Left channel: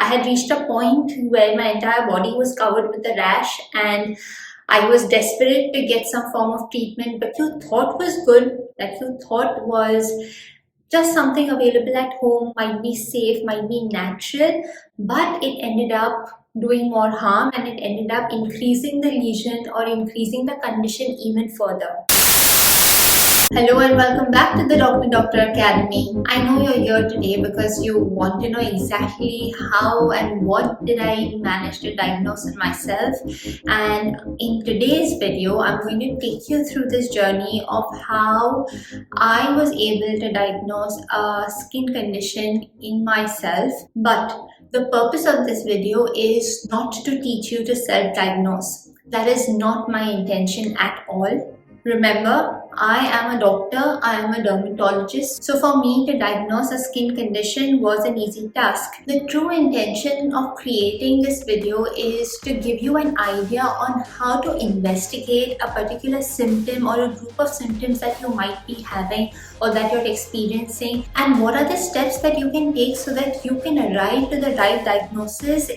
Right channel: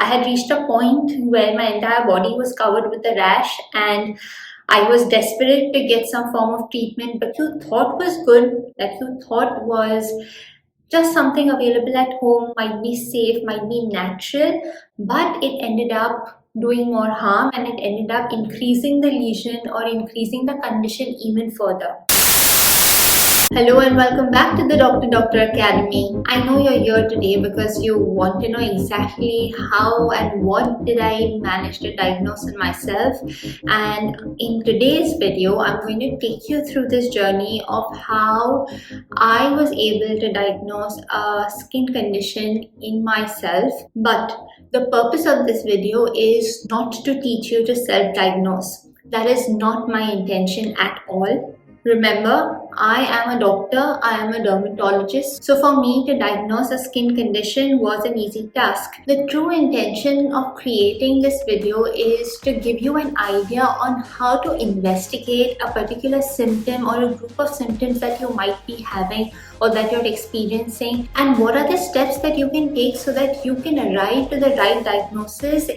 I had reached a point where my entire body was covered with a rash and I was desperate to get some form of treatment that you thought was good, that you thought was just something available at home, might be safe, might be natural, but it ended up doing more harm and it ended up increasing the lesion or increasing the condition even further. Hello and welcome back to the Doctor Academy. I know you're here today because you want to know exactly how and what did I manage to diagnose in myself. And in today's video, I'm going to take you through this journey of how I was able to diagnose a skin condition in myself. But the purpose of this video is not to teach you to self-diagnose. That is not my intention at all. Remember, I am a doctor, I am a dermatologist, so for me to diagnose a skin condition was an easy task. The true intention of creating this video is to give you an idea on how to investigate a particular symptom or a group of symptoms that you might be having or that you're experiencing, and what are the steps that you can take so that you can arrive to the right diagnosis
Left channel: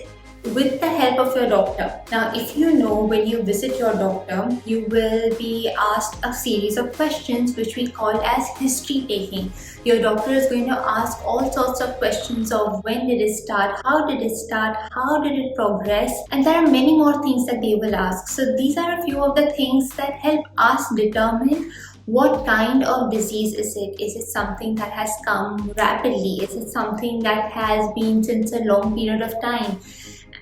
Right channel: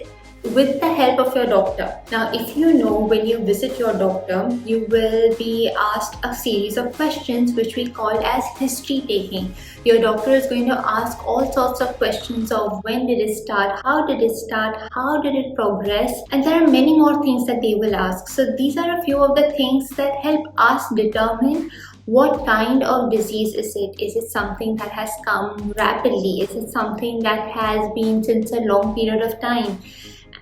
with the help of your doctor. Now, if you know, when you visit your doctor, you will be asked a series of questions which we call as history taking. Your doctor is going to ask all sorts of questions of when did it start, how did it start, how did it progress, and there are many more things that they will ask. So these are a few of the things that help us determine what kind of disease is it? Is it something that has come rapidly? Is it something that has been since a long period of time?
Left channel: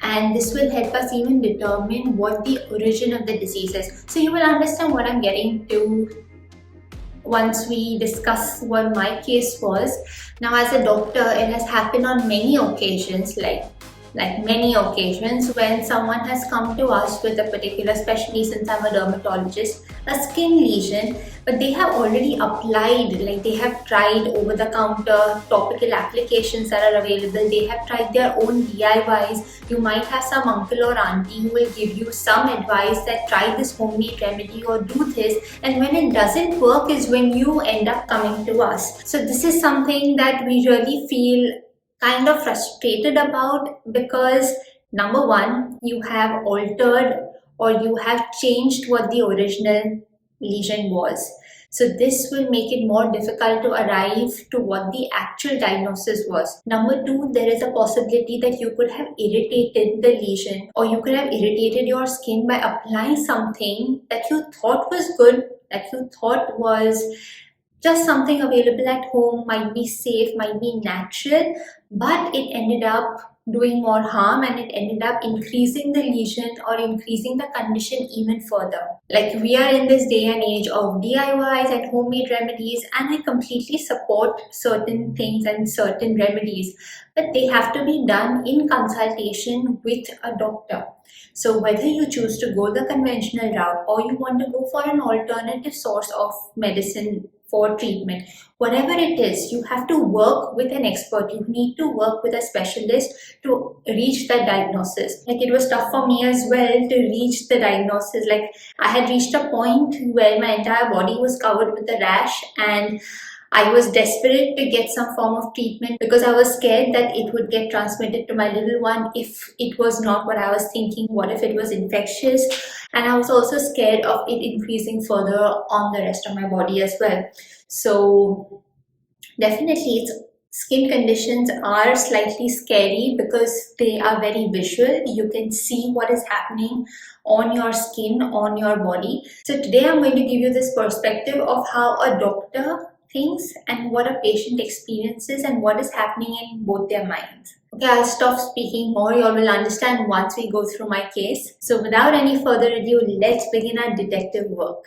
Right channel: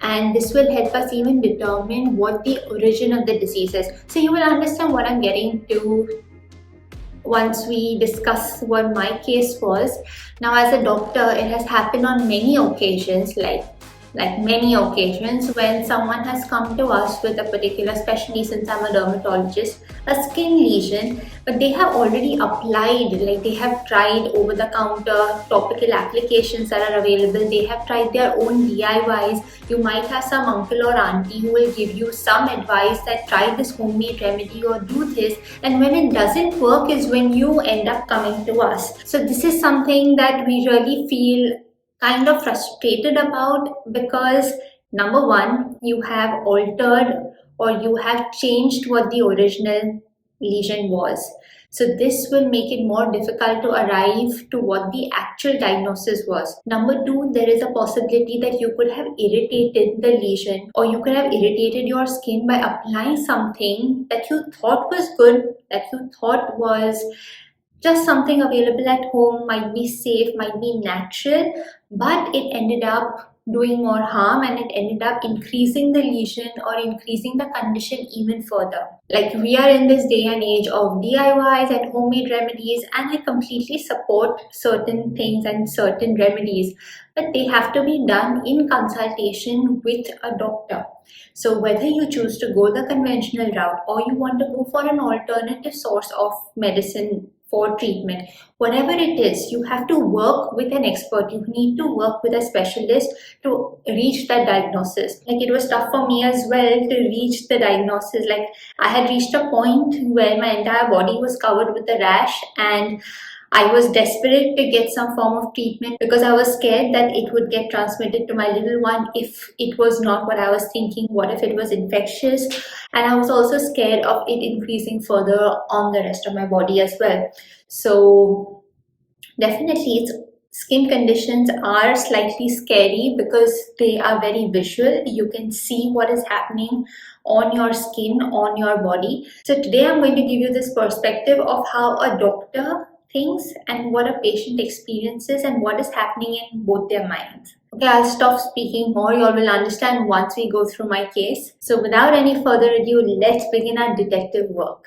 And this will help us even determine what the origin of the disease is. So you will understand what I'm getting to once we discuss what my case was. Now, as a doctor, it has happened on many occasions, like many occasions, when someone has come to us with a particular, especially since I'm a dermatologist, a skin lesion, but they have already applied, like they have tried over-the-counter topical applications that are available. They have tried their own DIYs. You might have some uncle or auntie who will give you some advice that try this homemade remedy or do this, and when it doesn't work is when you end up coming to us. So this is something that we really feel kind of frustrated about, because number one, you have altered or you have changed what the original lesion was. So this will make it more difficult to arrive to what the actual diagnosis was. Number two, there is a possibility that you could have irritated the lesion or you could have irritated your skin by applying something that you thought was good, that you thought was just something available at home, might be safe, might be natural, but it ended up doing more harm and it ended up increasing the lesion or increasing the condition even further. Like, we are in this day and age of DIYs and homemade remedies, and I completely support certain things and certain remedies, but they have to be done in consultation with a doctor. So whether you choose to go the conventional route or you want to go for an alternative source of medicine for treatment, whatever it is, you have to work with an expert. You need to work with a specialist to reach the diagnosis. Like, it was tough for me as well to reach the diagnosis. Like, I had reached a point where my entire body was covered with a rash and I was desperate to get some form of treatment because I was scared that it would get transmitted to my little one if it was not what I was thinking. What if it was infectious? And I was also scared of it increasing further on the rest of my body as well. So definitely, skin conditions are slightly scary because they are very visual. You can see what is happening on your skin, on your body. So today I'm going to give you this perspective of how a doctor thinks and what a patient experiences and what is happening in both their minds. Okay, I'll stop speaking more. You all will understand once we go through my case. So without any further ado, let's begin our detective work.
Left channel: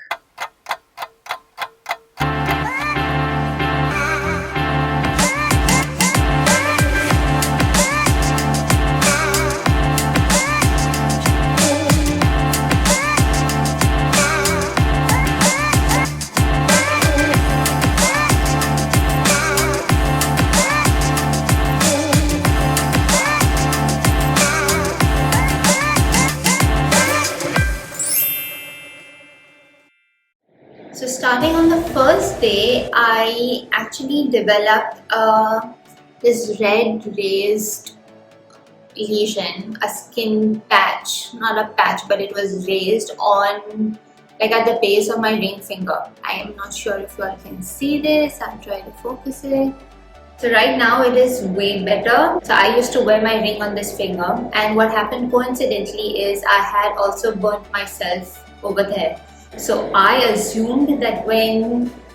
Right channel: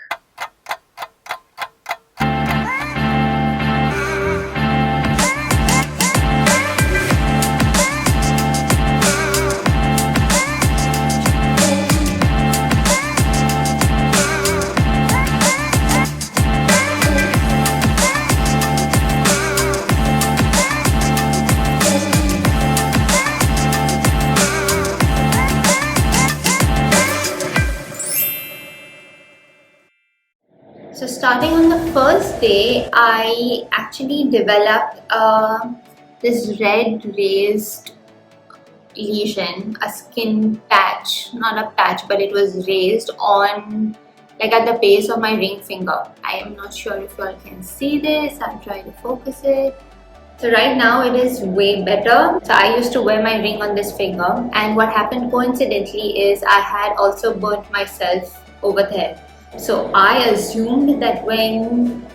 So starting on the first day, I actually developed this red raised lesion, a skin patch, not a patch, but it was raised on, like, at the base of my ring finger. I am not sure if you all can see this. I'll try to focus it. So right now it is way better. So I used to wear my ring on this finger, and what happened coincidentally is I had also burnt myself over there. So I assumed that when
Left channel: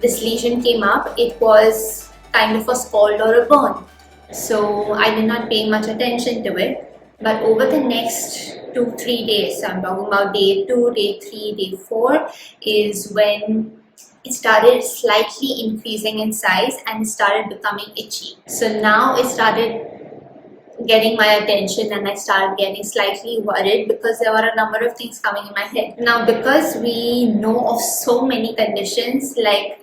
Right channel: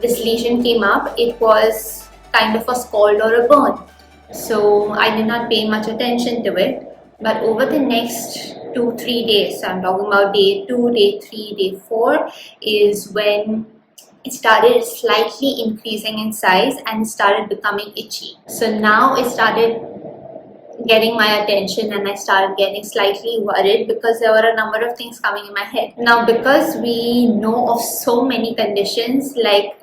this lesion came up, it was kind of a scald or a burn. So I did not pay much attention to it. But over the next 2-3 days, so I'm talking about day 2, day 3, day 4, is when it started slightly increasing in size and started becoming itchy. So now it started getting my attention, and I started getting slightly worried because there were a number of things coming in my head. Now, because we know of so many conditions, like,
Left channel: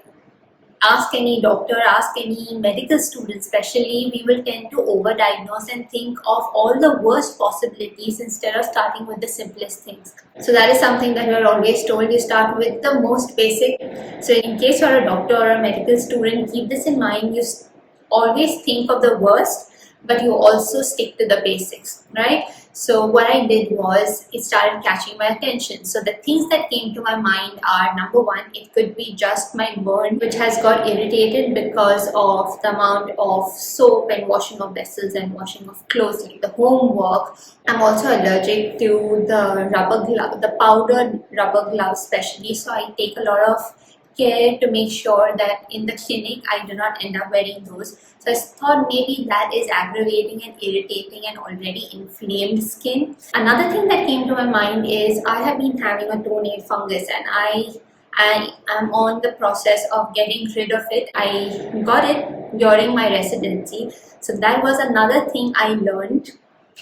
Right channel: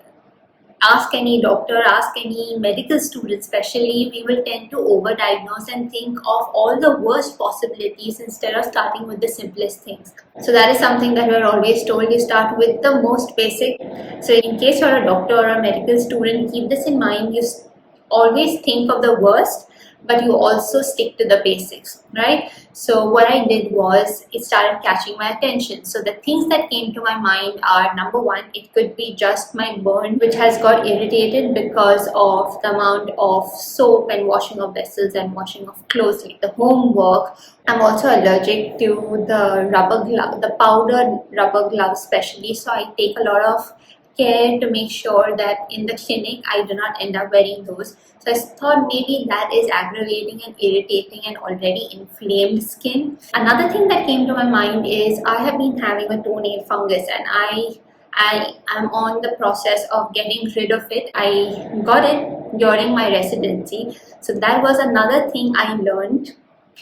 ask any doctor, ask any medical student especially, we will tend to overdiagnose and think of all the worst possibilities instead of starting with the simplest things. So that is something that we are always told, you start with the most basic. So in case you're a doctor or a medical student, keep this in mind. You always think of the worst, but you also stick to the basics, right? So what I did was, it started catching my attention. So the things that came to my mind are, number one, it could be just my burn, which has got irritated because of the amount of soap and washing of vessels and washing of clothes, like the homework. I'm also allergic to the rubber glove, the powdered rubber gloves especially. So I take a lot of care to make sure that in the clinic I do not end up wearing those. So I thought maybe that is aggravating and irritating an already inflamed skin. Another thing that came to my mind is I have been having a toenail fungus, and I am on the process of getting rid of it. I got it during my residency. So that was another thing I learned,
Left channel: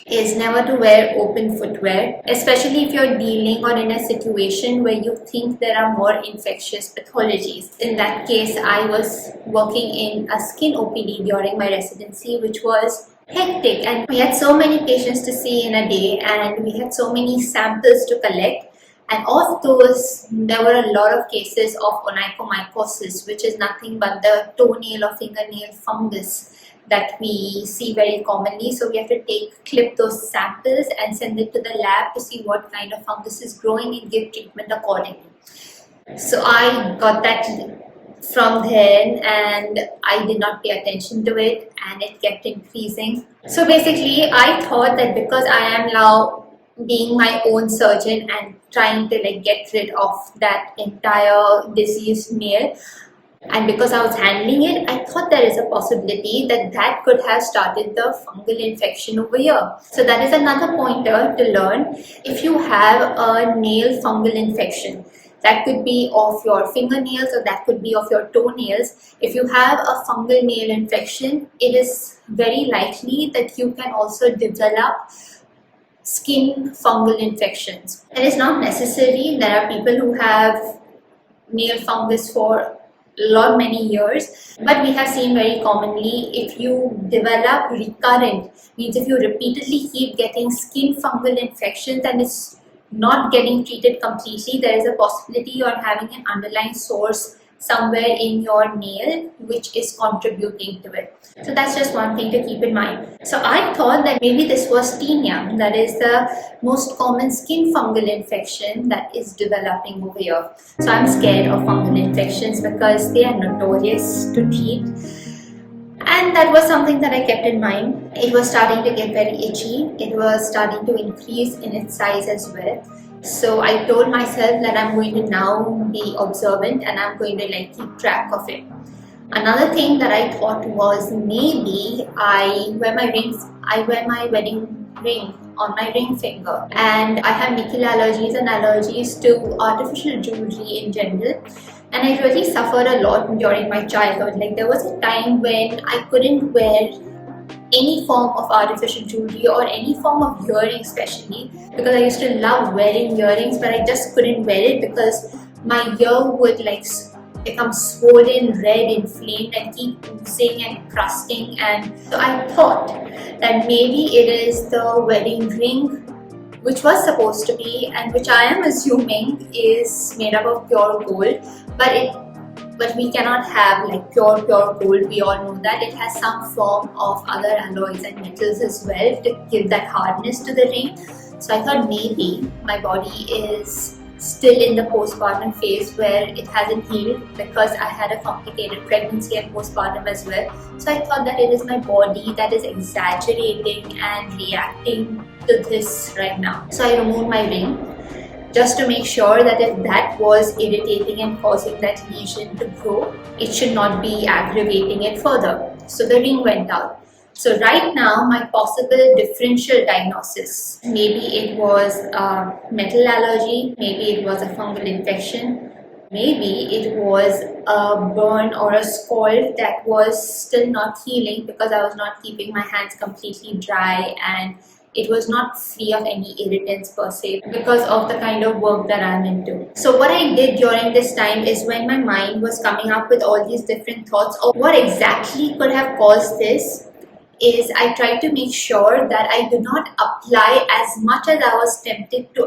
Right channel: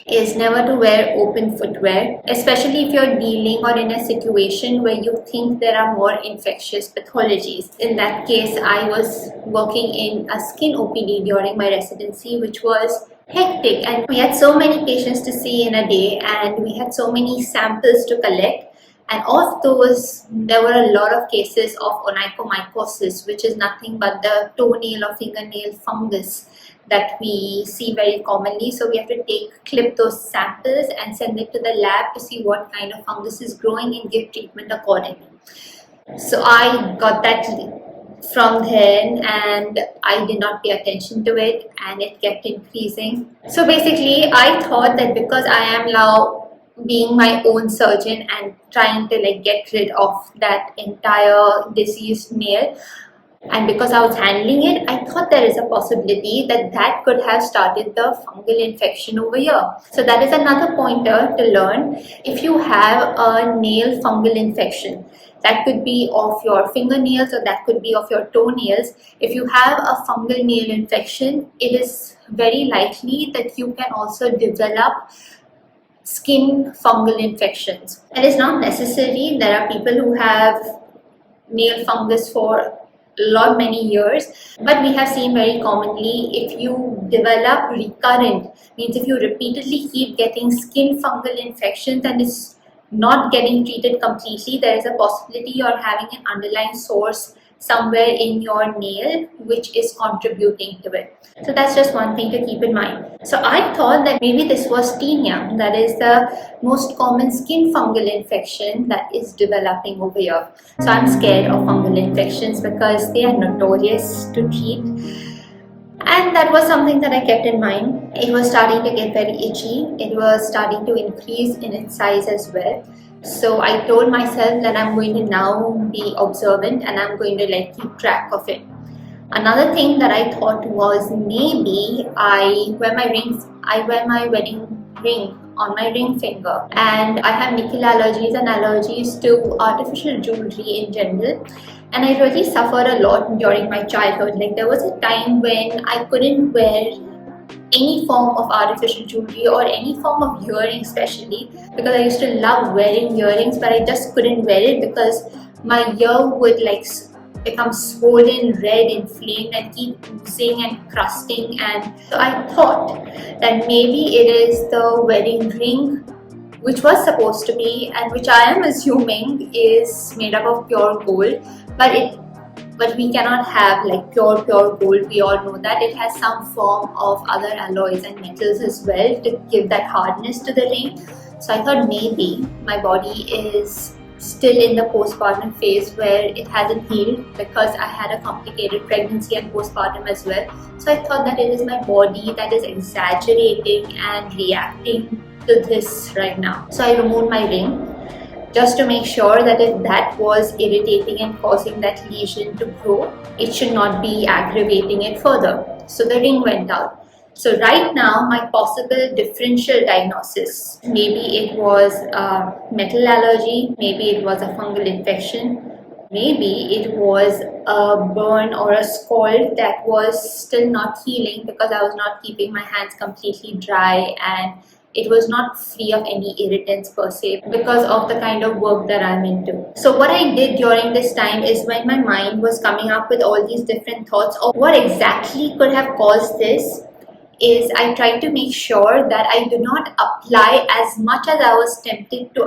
is never to wear open footwear, especially if you're dealing or in a situation where you think there are more infectious pathologies. In that case, I was working in a skin OPD during my residency, which was hectic, and we had so many patients to see in a day, and we had so many samples to collect. And of those, there were a lot of cases of onychomycosis, which is nothing but the toenail or fingernail fungus that we see very commonly. So we have to clip those samples and send it to the lab to see what kind of fungus is growing and give treatment accordingly. So I got that from then, and I did not pay attention to it, and it kept increasing. So basically, I thought that because I am now being my own surgeon and trying to get rid of that entire diseased nail, and because I was handling it, I thought there is a possibility that that could have started the fungal infection over here. So that is another pointer to learn. If you have a nail fungal infection, that could be of your fingernails or that could be of your toenails. If you have a fungal nail infection, it is very likely that you can also develop skin fungal infections. It is not necessary. There are people who have nail fungus for many years, but we have seen very commonly, if you develop recurrent, means if you repeatedly keep getting skin fungal infections and it's not getting treated completely, there is a possibility you're having an underlying source somewhere in your nail which is contributing to it. So that's just one thing to keep in mind. So I thought that maybe this was tinea, that is the most common skin fungal infection that is developing over here. So I'm scared of fungal infections because they are notorious to treat. And that was something that I kept in mind. It was starting to get very itchy. It was starting to increase in its size as well. So I told myself that I'm going to now be observant and I'm going to keep track of it. Another thing that I thought was maybe I wear my wedding ring on my ring finger, and I have nickel allergies and allergies to artificial jewelry in general. And I really suffered a lot during my childhood. There was a time when I couldn't wear any form of artificial jewelry or any form of earring, especially because I used to love wearing earrings, but I just couldn't wear it because my ear would become swollen, red, inflamed, and keep oozing and crusting. And so I thought that maybe it is the wedding ring, which was supposed to be, and which I am assuming is made up of pure gold, but it But we cannot have like pure gold. We all know that it has some form of other alloys and metals as well to give that hardness to the ring. So I thought maybe my body is still in the postpartum phase where it hasn't healed, because I had a complicated pregnancy and postpartum as well. So I thought that it is my body that is exaggerating and reacting to this right now. So I removed my ring just to make sure that if that was irritating and causing that lesion to grow, it should not be aggravating it further. So the ring went out. So right now, my possible differential diagnosis, maybe it was a metal allergy, maybe it was a fungal infection, maybe it was a burn or a scald that was still not healing because I was not keeping my hands completely dry, and it was not free of any irritants per se because of the kind of work that I'm into. So what I did during this time is, when my mind was coming up with all these different thoughts of what exactly could have caused this, is I tried to make sure that I do not apply as much as I was tempted to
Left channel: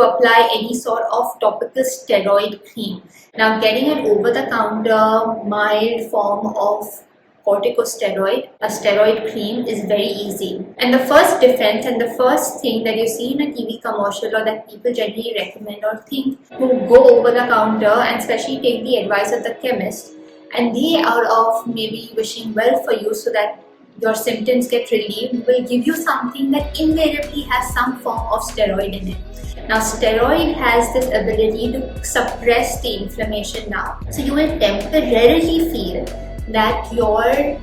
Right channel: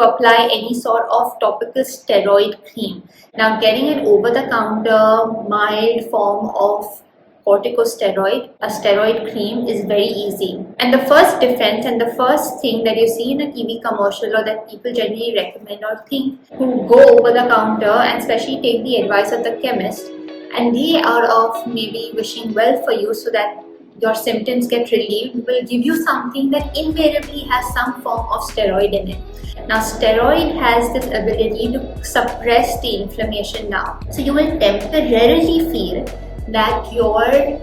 apply any sort of topical steroid cream. Now, getting an over-the-counter mild form of corticosteroid, a steroid cream, is very easy. And the first defense and the first thing that you see in a TV commercial, or that people generally recommend or think who go over the counter and especially take the advice of the chemist, and they are of maybe wishing well for you so that your symptoms get relieved, will give you something that invariably has some form of steroid in it. Now, steroid has this ability to suppress the inflammation now. So you will temporarily feel that your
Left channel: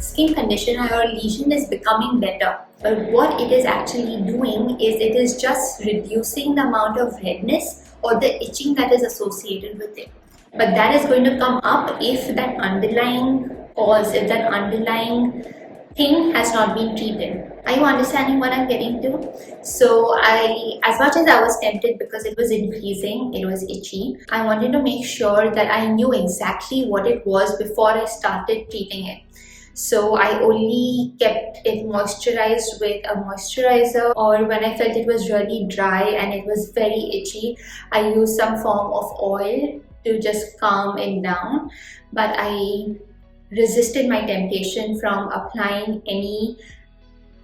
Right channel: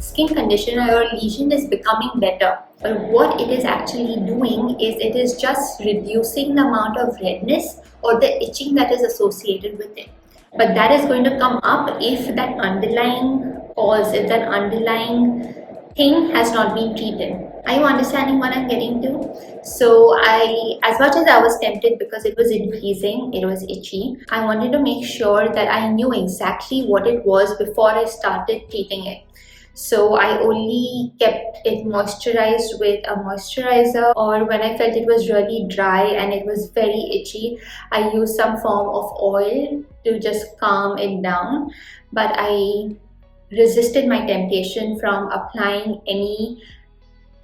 skin condition or your lesion is becoming better. But what it is actually doing is, it is just reducing the amount of redness or the itching that is associated with it. But that is going to come up if that underlying cause, if that underlying thing has not been treated. Are you understanding what I'm getting to? So as much as I was tempted because it was increasing, it was itchy, I wanted to make sure that I knew exactly what it was before I started treating it. So I only kept it moisturized with a moisturizer, or when I felt it was really dry and it was very itchy, I used some form of oil to just calm it down. But I resisted my temptation from applying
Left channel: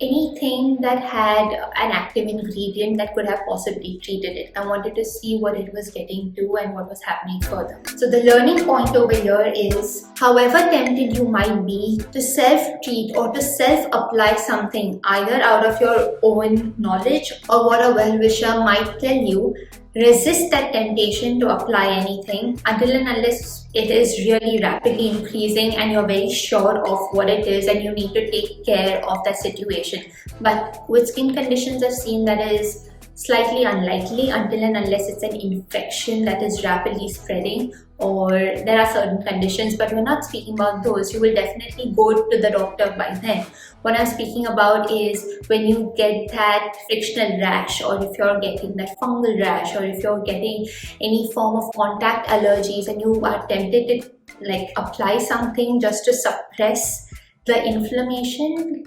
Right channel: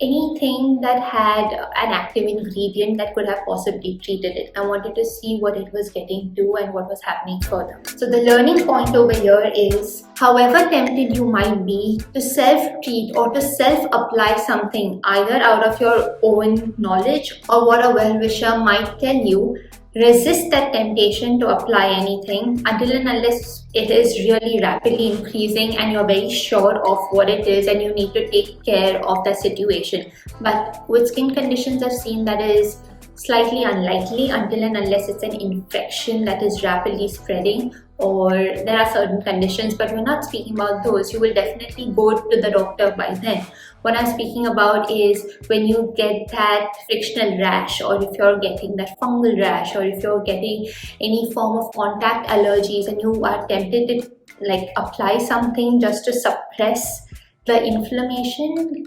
anything that had an active ingredient that could have possibly treated it. I wanted to see what it was getting to and what was happening further. So the learning point over here is, however tempted you might be to self-treat or to self-apply something, either out of your own knowledge or what a well-wisher might tell you, resist that temptation to apply anything until and unless it is really rapidly increasing and you're very sure of what it is and you need to take care of that situation. But with skin conditions, I've seen that is slightly unlikely until and unless it's an infection that is rapidly spreading, or there are certain conditions, but we're not speaking about those. You will definitely go to the doctor by then. What I'm speaking about is when you get that frictional rash, or if you're getting that fungal rash, or if you're getting any form of contact allergies and you are tempted to apply something just to suppress the inflammation,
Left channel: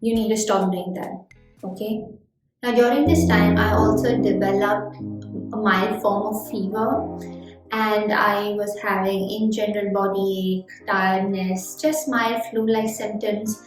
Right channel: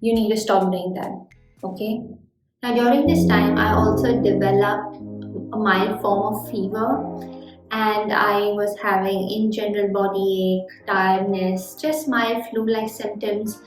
you need to stop doing that. Okay? Now, during this time, I also developed a mild form of fever, and I was having in general body ache, tiredness, just mild flu-like symptoms,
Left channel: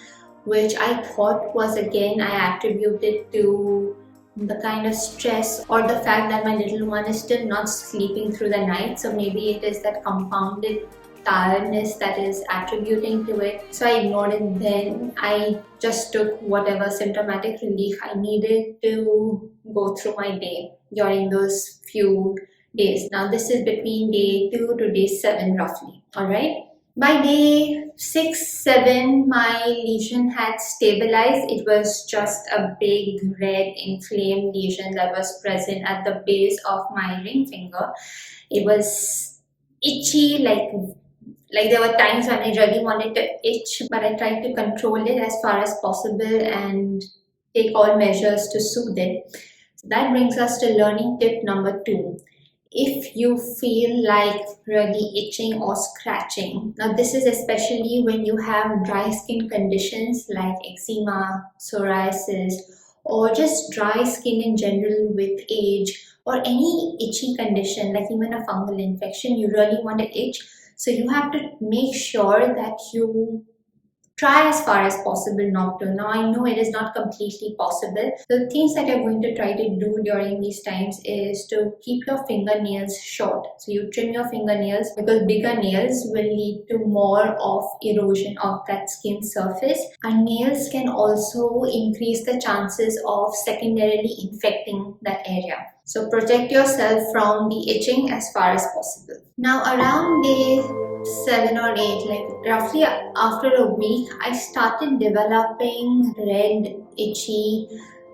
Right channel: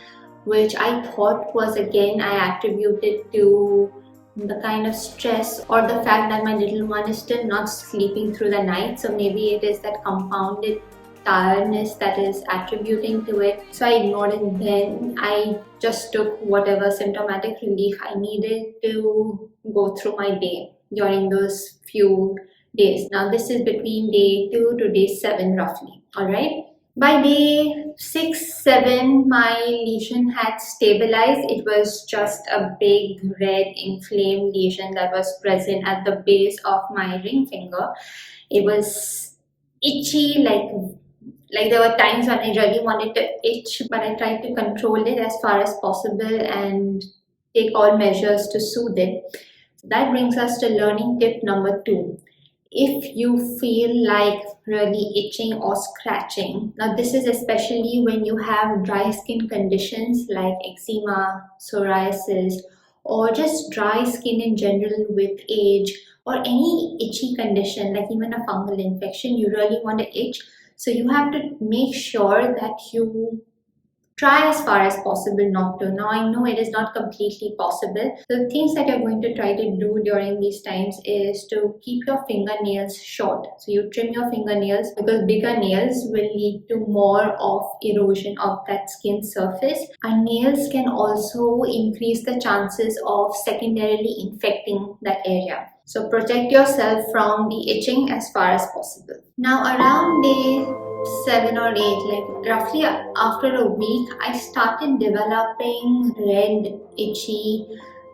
which I thought was, again, I attributed to the kind of stress or the fact that my little one is still not sleeping through the night. So maybe it is that compounded tiredness that is attributing to it. So I ignored it then. I just took whatever symptomatic relief I needed to go through my day during those few days. Now this is between day 2 to day 7 roughly. Alright. By day 6, 7, my lesion had stabilized. It was just a big red inflamed lesion that was present at the base of my ring finger. It was itchy, like there were times when I really wanted to itch, but I tried to control it as far as possible and take all measures to soothe it. So that brings us to learning tip number 2. If you feel like really itching or scratching, now this is especially when you have dry skin conditions like eczema, psoriasis, or just dry skin in general with age, or any itchy condition like even a fungal infection, you really want to itch. So you have to make sure that you try as far as possible not to. Now, I know it is not completely possible. The things that you're going to try to do during these times is to keep your fingernails short. So you trim your fingernails, because bigger nails will lead to more of erosion of that skin surface. And nails can also increase the chances of secondarily infecting that area. So protect yourself from the itching as far as possible. Now, around day 7 or 8, like roughly after a week, I started developing red, itchy,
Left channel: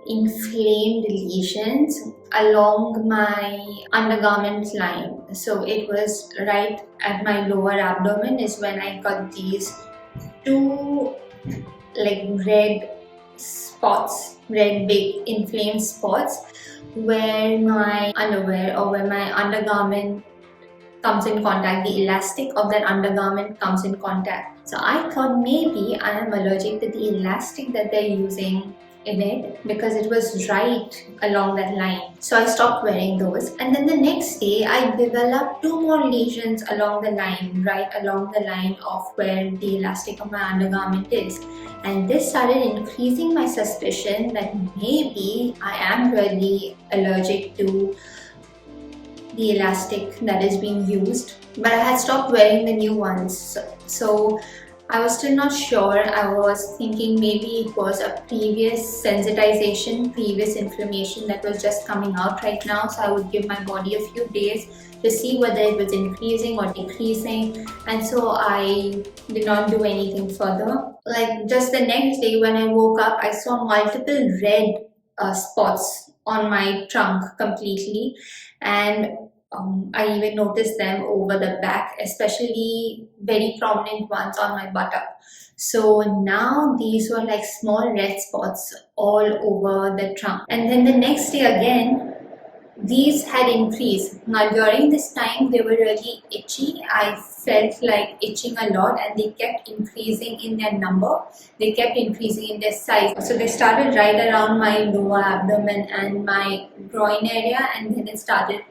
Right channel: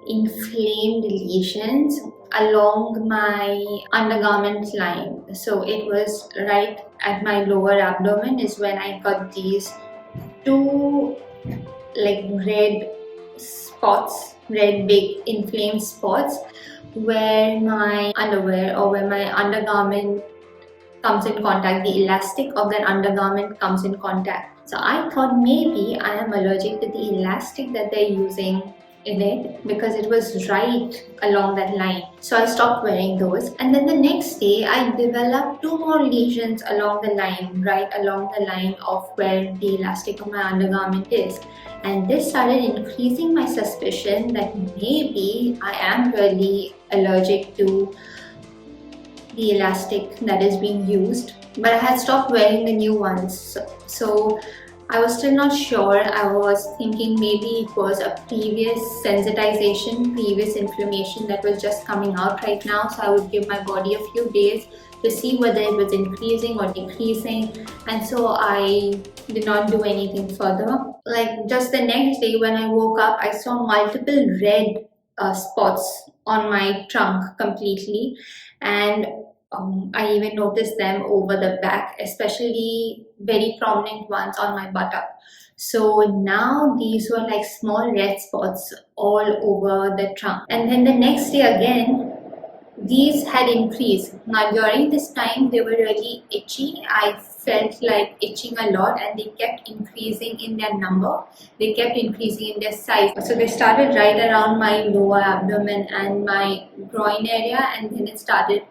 inflamed lesions along my undergarment line. So it was right at my lower abdomen is when I got these two like red spots, red big inflamed spots, where my underwear or where my undergarment comes in contact, the elastic of that undergarment comes in contact. So I thought maybe I am allergic to the elastic that they're using in it, because it was right along that line. So I stopped wearing those, and then the next day I developed 2 more lesions along the line, right along the line of where the elastic of my undergarment is. And this started increasing my suspicion that maybe I am really allergic to the elastic that is being used, but I had stopped wearing the new ones. So I was still not sure. I was thinking maybe it was a previous sensitization, previous inflammation that was just coming out right now. So I would give my body a few days to see whether it was increasing or decreasing. And so I did not do anything further. Like just the next day when I woke up, I saw multiple red spots on my trunk completely. And I even noticed them over the back, especially very prominent ones on my buttock. So now these were like small red spots all over the trunk. And then the next day again, these had increased. Now during this time, they were really itchy. I felt like itching a lot, and they kept increasing in their number. They kept increasing in their size. So they started right around my lower abdomen and my groin area, and then it started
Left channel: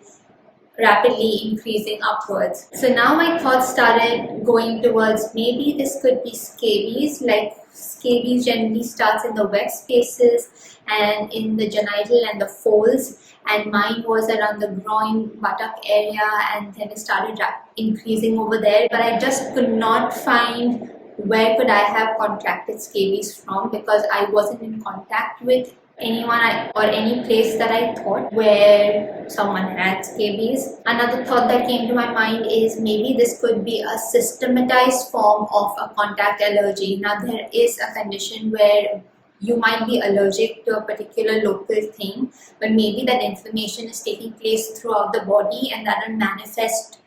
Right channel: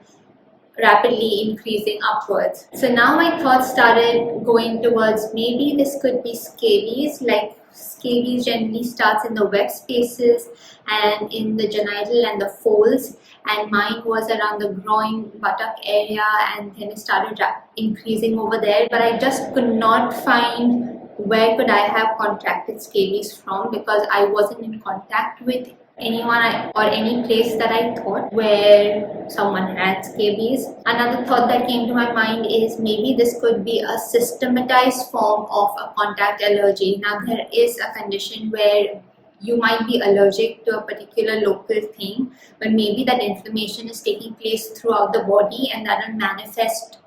rapidly increasing upwards. So now my thoughts started going towards maybe this could be scabies. Like scabies generally starts in the wet spaces and in the genital and the folds, and mine was around the groin buttock area, and then it started increasing over there. But I just could not find where could I have contracted scabies from, because I wasn't in contact with anyone or any place that I thought where someone had scabies. Another thought that came to my mind is maybe this could be a systematized form of a contact allergy. Now there is a condition where you might be allergic to a particular local thing, but maybe that inflammation is taking place throughout the body, and that will manifest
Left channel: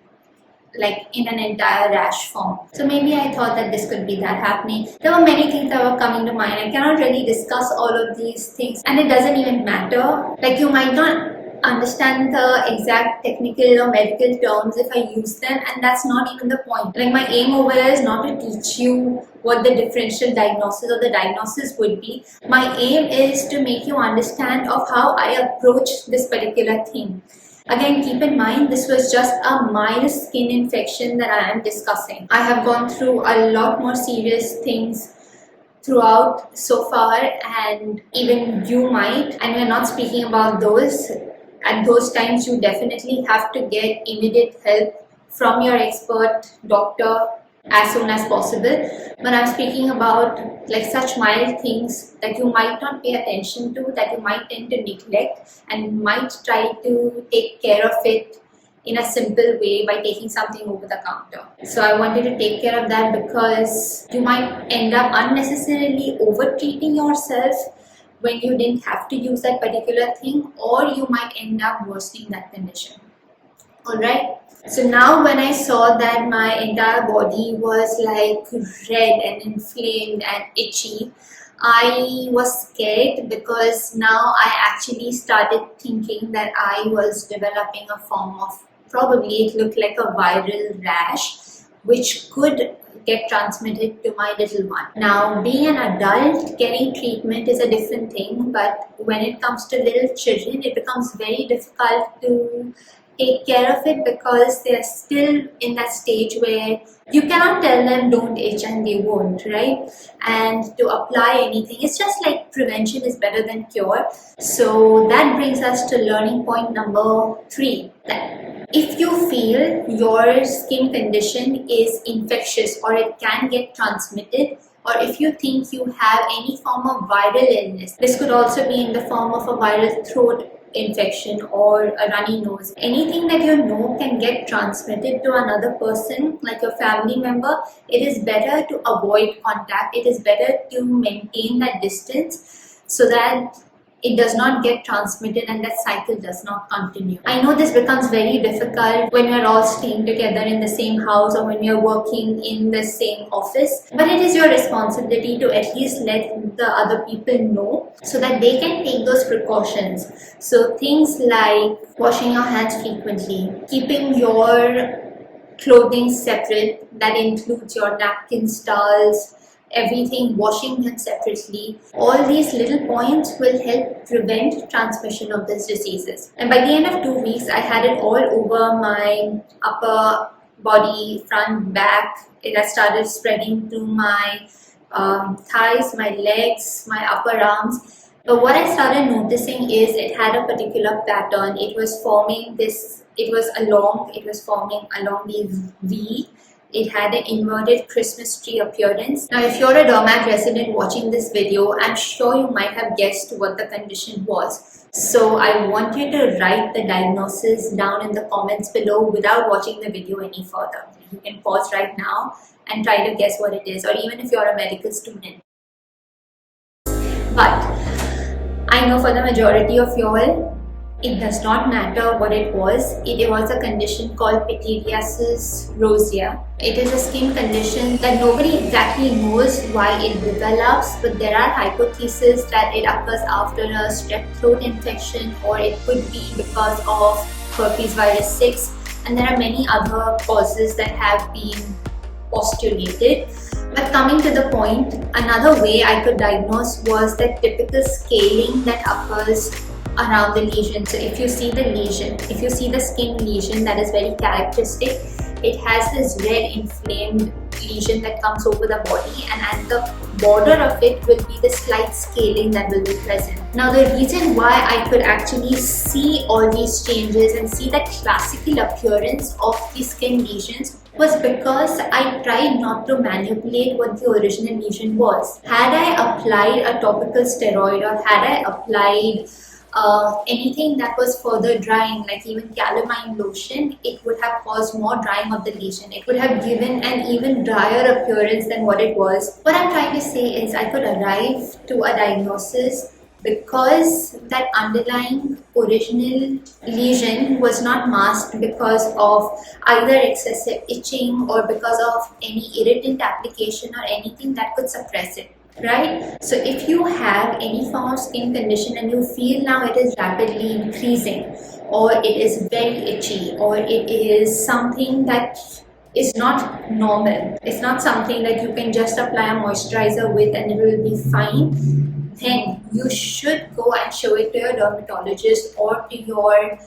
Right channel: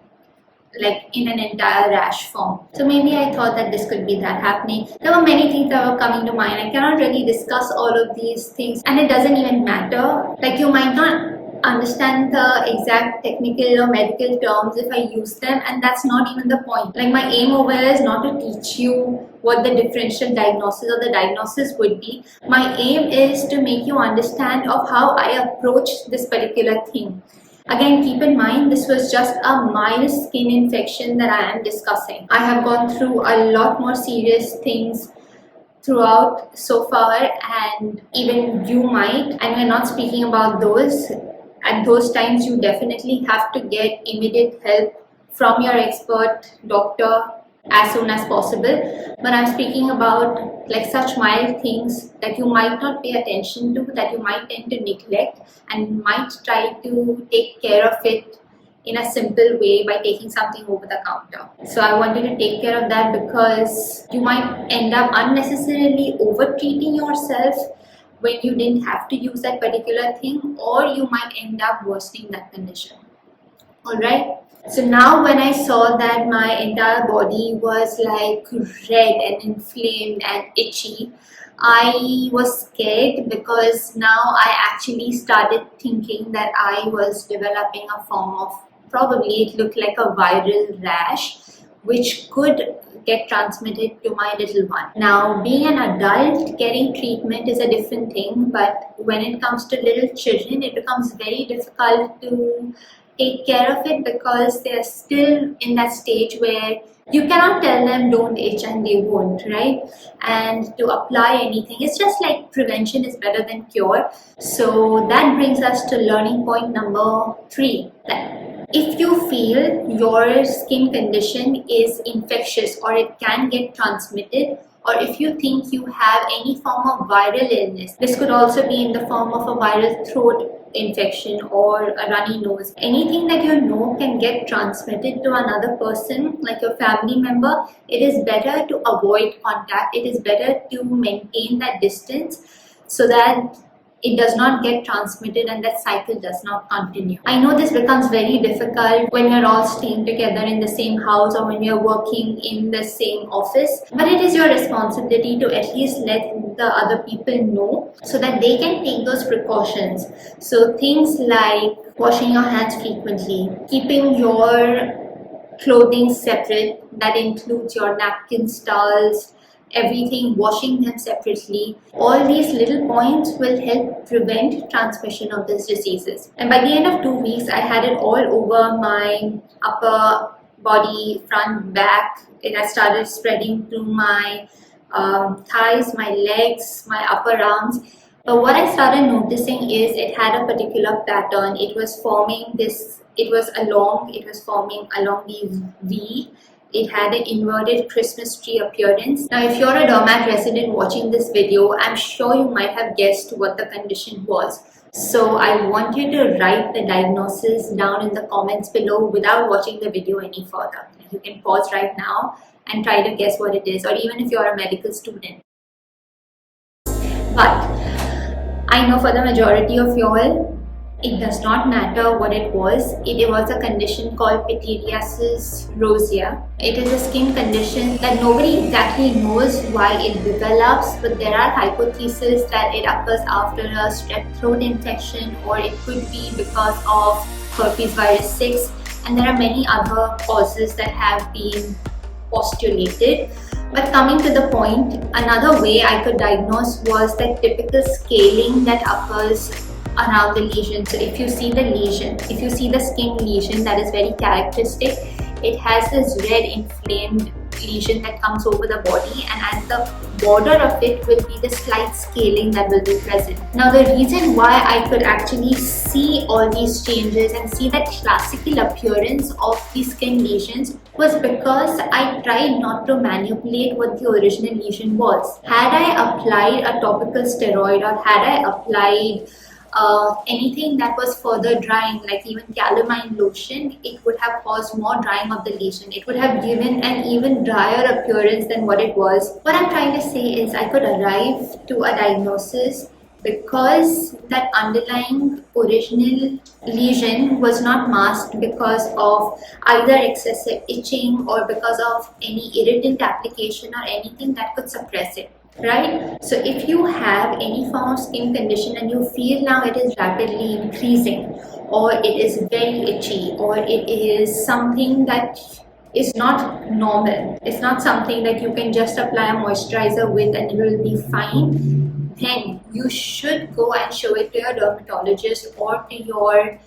like in an entire rash form. So maybe I thought that this could be that happening. There were many things that were coming to mind. I cannot really discuss all of these things, and it doesn't even matter. Like you might not understand the exact technical or medical terms if I use them, and that's not even the point. Like my aim over here is not to teach you what the differential diagnosis or the diagnosis would be. My aim is to make you understand of how I approach this particular thing. Again, keep in mind, this was just a mild skin infection that I am discussing. I have gone through a lot more serious things throughout so far, and even you might, and we're not speaking about those. At those times, you definitely have to get immediate help from your expert doctor as soon as possible. But I'm speaking about like such mild things that you might not pay attention to, that you might tend to neglect, and might try to take care of it in a simple way by taking something over the counter. So I wanted to take care of that, because you might end up unnecessarily over treating yourself when you didn't have to use that particular thing, or you might end up worsening that condition. Alright, so now when I saw that my entire body was like red and inflamed and itchy, I was scared, because now I actually started thinking that I was developing a form of, probably it looked like a viral rash, which could get transmitted to my little one. Now, being an adult, getting treatment is a different thing, but when it comes to little children, it becomes very difficult to take care of it because they are still in that stage where you cannot tell them don't itch and they won't, right? And to apply anything, it's just like prevention is better than cure. So that brings us to learning point number 3. If you feel your skin condition is infectious or it can get transmitted, or if you think you have any form of viral illness, this could also be in the form of a viral throat infection or a runny nose, anything that you know can get transmitted to another person, like your family member, it is better to avoid contact. It is better to maintain that distance so that it does not get transmitted and that cycle does not continue. I know this becomes very difficult when you're all staying together in the same house or when you're working in the same office, but it is your responsibility to at least let the other people know so that they can take those precautions. So things like washing your hands frequently, keeping your clothing separate, that includes your napkins, towels, everything, washing them separately. All these little points will help prevent transmission of these diseases. And by the end of 2 weeks, I had it all over my upper body, front, back. It has started spreading to my thighs, my legs, my upper arms. But what I started noticing is it had a particular pattern. It was forming this, it was forming along the V. It had an inverted Christmas tree appearance. Now, if you're a dermat resident watching this video, I'm sure you might have guessed what the condition was. So I want you to write the diagnosis down in the comments below without watching the video any further. You can pause right now and try to guess what it is, or even if you're a medical student. But I know for the majority of y'all, it does not matter what it was. It was a condition called pityriasis rosea. It is a skin condition that nobody exactly knows why it develops, but there are hypotheses that it occurs after a strep throat infection, or it could be because of herpes virus 6, and there are many other causes that have been postulated. But coming to the point, another way I could diagnose was the typical scaling that occurs around the lesion. So if you see the lesion, if you see the skin lesion, that is very characteristic. It has this red inflamed lesion that comes over the body, and at the border of it will be the slight scaling that will be present. Now, the reason why I could actually see all these changes and see that classical appearance of the skin lesions was because I tried not to manipulate what the original lesion was. Had I applied a topical steroid, or had I applied anything that was further drying, like even calamine lotion, it would have caused more drying of the lesion. It would have given an even drier appearance than what it was. What I'm trying to say is I could arrive to a diagnosis because that underlying original lesion was not masked because of either excessive itching or because of any irritant application or anything that could suppress it. Right? So if you have any form of skin condition and you feel now it is rapidly increasing, or it is very itchy, or it is something that is not normal, it's not something that you can just apply a moisturizer with and it will be fine, then you should go and show it to your dermatologist or to your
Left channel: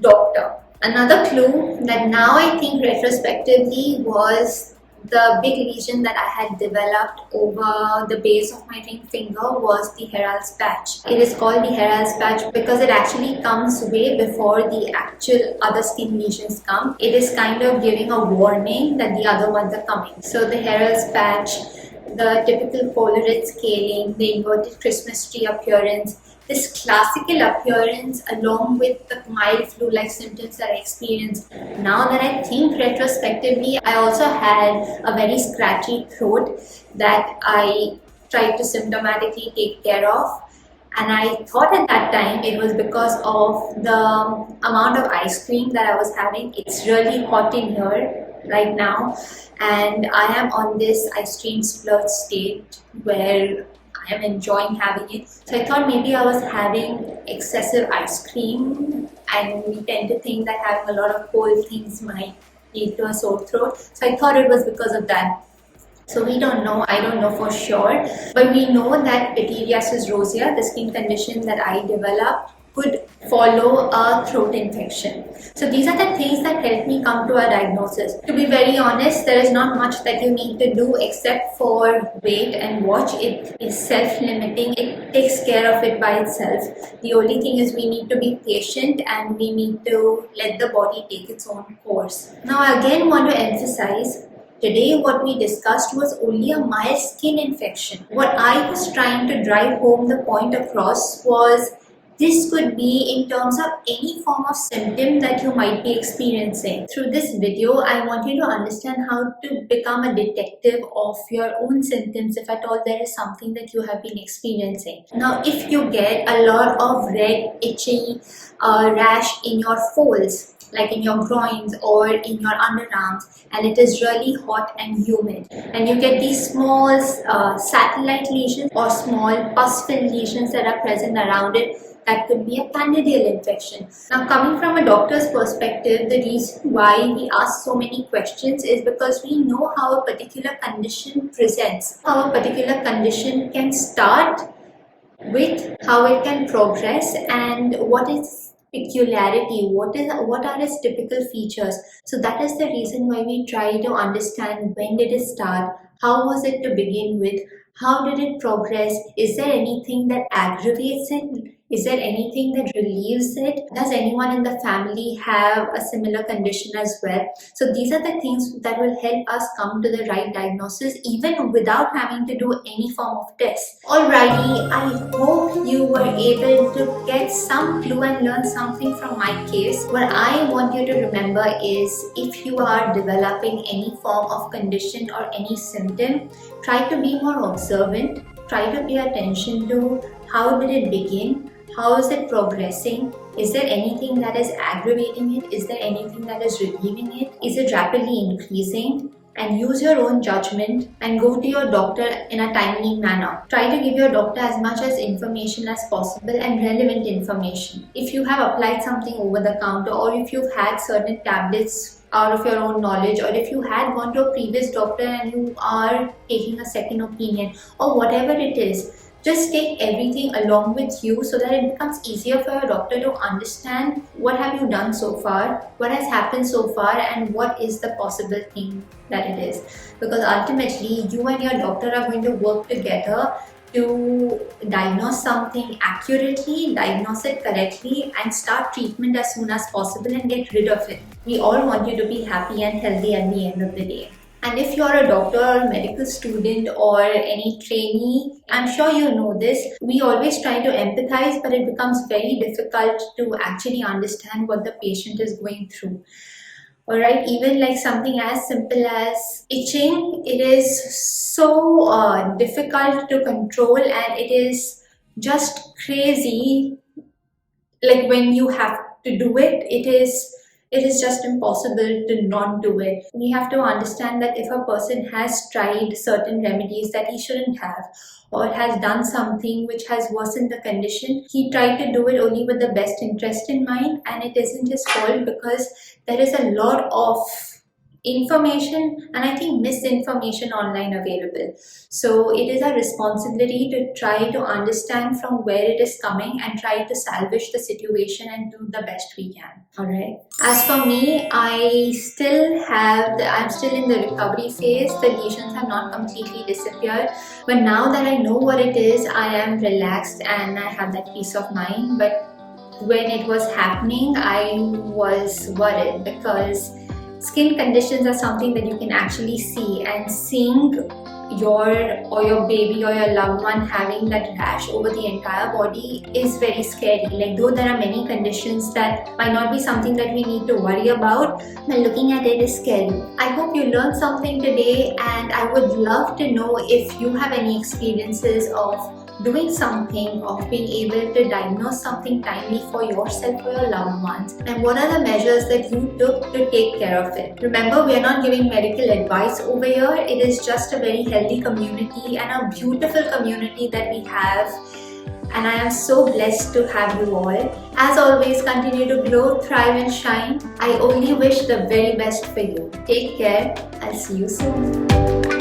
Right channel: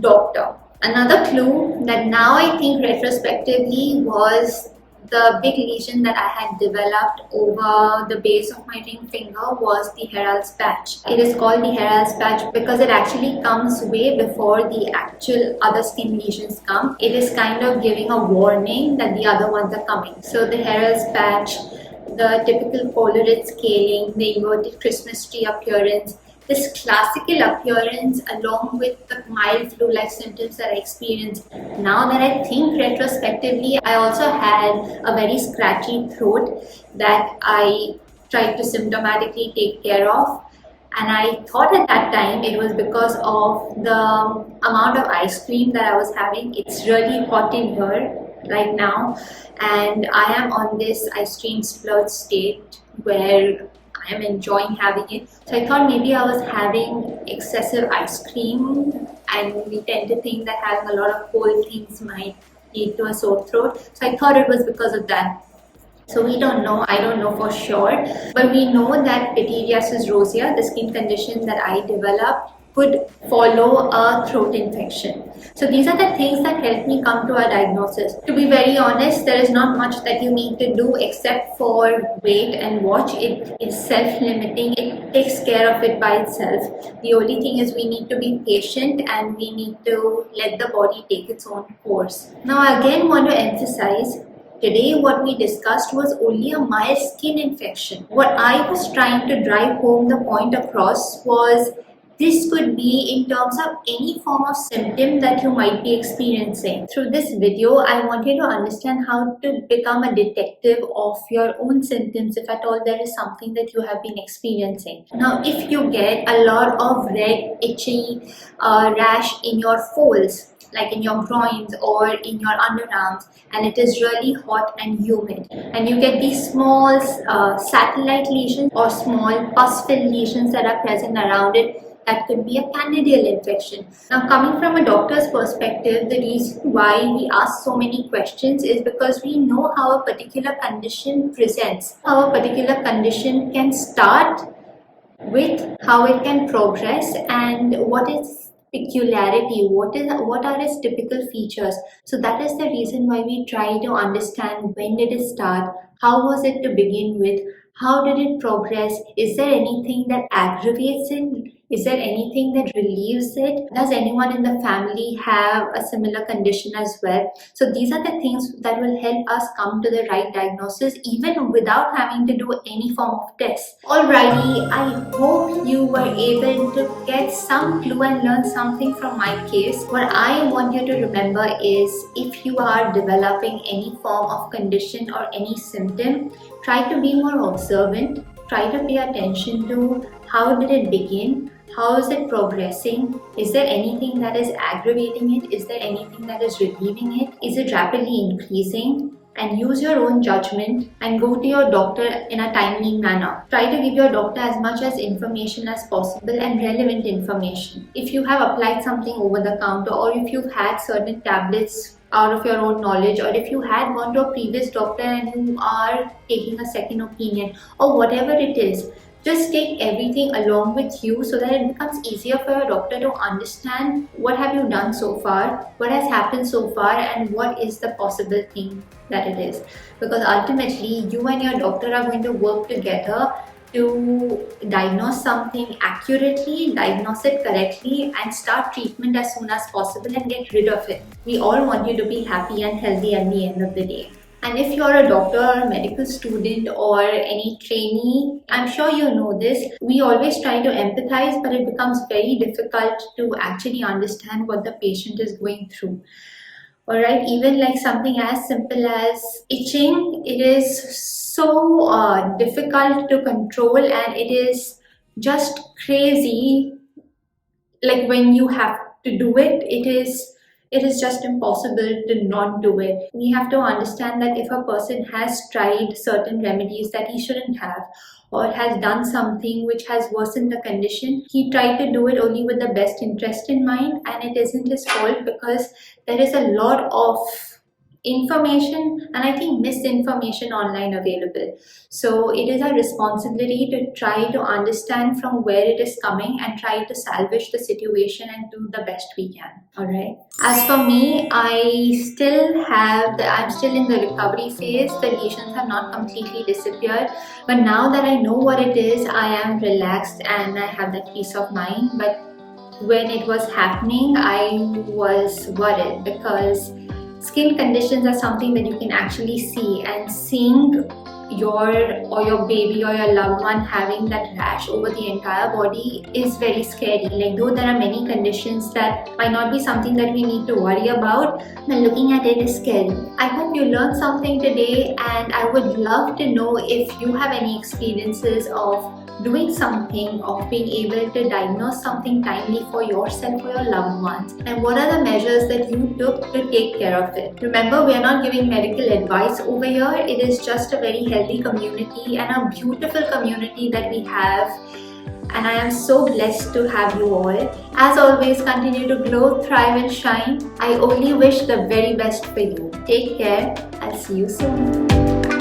doctor. Another clue that now I think retrospectively was the big lesion that I had developed over the base of my ring finger was the Ħeral patch. It is called the Ħeral patch because it actually comes way before the actual other skin lesions come. It is kind of giving a warning that the other ones are coming. So the Ħeral patch, the typical polar red scaling, the inverted Christmas tree appearance, this classical appearance along with the mild flu-like symptoms that I experienced. Now that I think retrospectively, I also had a very scratchy throat that I tried to symptomatically take care of. And I thought at that time it was because of the amount of ice cream that I was having. It's really hot in here right now, and I am on this ice cream splurge state where I am enjoying having it. So I thought maybe I was having excessive ice cream, and we tend to think that having a lot of cold things might lead to a sore throat. So I thought it was because of that. So we don't know, I don't know for sure, but we know that pityriasis rosea, the skin condition that I developed, could follow a throat infection. So these are the things that helped me come to a diagnosis. To be very honest, there is not much that you need to do except for wait and watch. It is self-limiting. It takes care of it by itself. The only thing is we need to be patient and we need to let the body take its own course. Now I again want to emphasize, today what we discussed was only a mild skin infection. What I was trying to drive home the point across was this could be in terms of any form of symptom that you might be experiencing. Through this video, I want you to understand how to become a detective of your own symptoms if at all there is something that you have been experiencing. Now, if you get a lot of red, itchy rash in your folds, like in your groins or in your underarms, and it is really hot and humid, and you get these small satellite lesions or small pus-filled lesions that are present around it, that could be a candidal infection. Now, coming from a doctor's perspective, the reason why we ask so many questions is because we know how a particular condition presents, how a particular condition can start with, how it can progress, and what is peculiarity, what are its typical features. So that is the reason why we try to understand when did it start, how was it to begin with, how did it progress, is there anything that aggravates it, is there anything that relieves it, does anyone in the family have a similar condition as well. So these are the things that will help us come to the right diagnosis even without having to do any form of test. Alrighty, I hope you were able to get some clue and learn something from my case. What I want you to remember is, if you are developing any form of condition or any symptom, try to be more observant, try to pay attention to how did it begin, how is it progressing, is there anything that is aggravating it, is there anything that is relieving it, is it rapidly increasing, and use your own judgment and go to your doctor in a timely manner. Try to give your doctor as much as information as possible and relevant information. If you have applied something over the counter, or if you've had certain tablets out of your own knowledge, or if you had gone to a previous doctor and you are taking a second opinion, or whatever it is, just take everything along with you so that it becomes easier for your doctor to understand what have you done so far, what has happened so far, and what is the possible thing that it is. Because ultimately, you and your doctor are going to work together to diagnose something accurately, diagnose it correctly, and start treatment as soon as possible and get rid of it. We all want you to be happy and healthy at the end of the day. And if you're a doctor or a medical student or any trainee, I'm sure you know this, we always try to empathize, but it becomes very difficult to actually understand what the patient is going through. Alright, even like something as simple as itching, it is so difficult to control, and it is just crazy. Like when you have to do it, it is just impossible to not do it. We have to understand that if a person has tried certain remedies that he shouldn't have, or has done something which has worsened the condition, he tried to do it only with the best interest in mind, and it isn't his fault, because there is a lot of information and I think misinformation online available. So it is our responsibility to try to understand from where it is coming and try to salvage the situation and do the best we can. Alright. As for me, I'm still in the recovery phase. The lesions have not completely disappeared. But now that I know what it is, I am relaxed and I have that peace of mind. But when it was happening, I was worried, because skin conditions are something that you can actually see, and seeing your baby or your loved one having that rash over the entire body is very scary. Like, though there are many conditions that might not be something that we need to worry about, but looking at it is scary. I hope you learned something today, and I would love to know if you have any experiences of doing something, of being able to diagnose something timely for yourself or your loved ones, and what are the measures that you took to take care of it. Remember, we are not giving medical advice over here. It is just a very healthy community and a beautiful community that we have, and I am so blessed to have you all. As always, continue to grow, thrive and shine. I only wish the very best for you. Take care. I'll see you soon.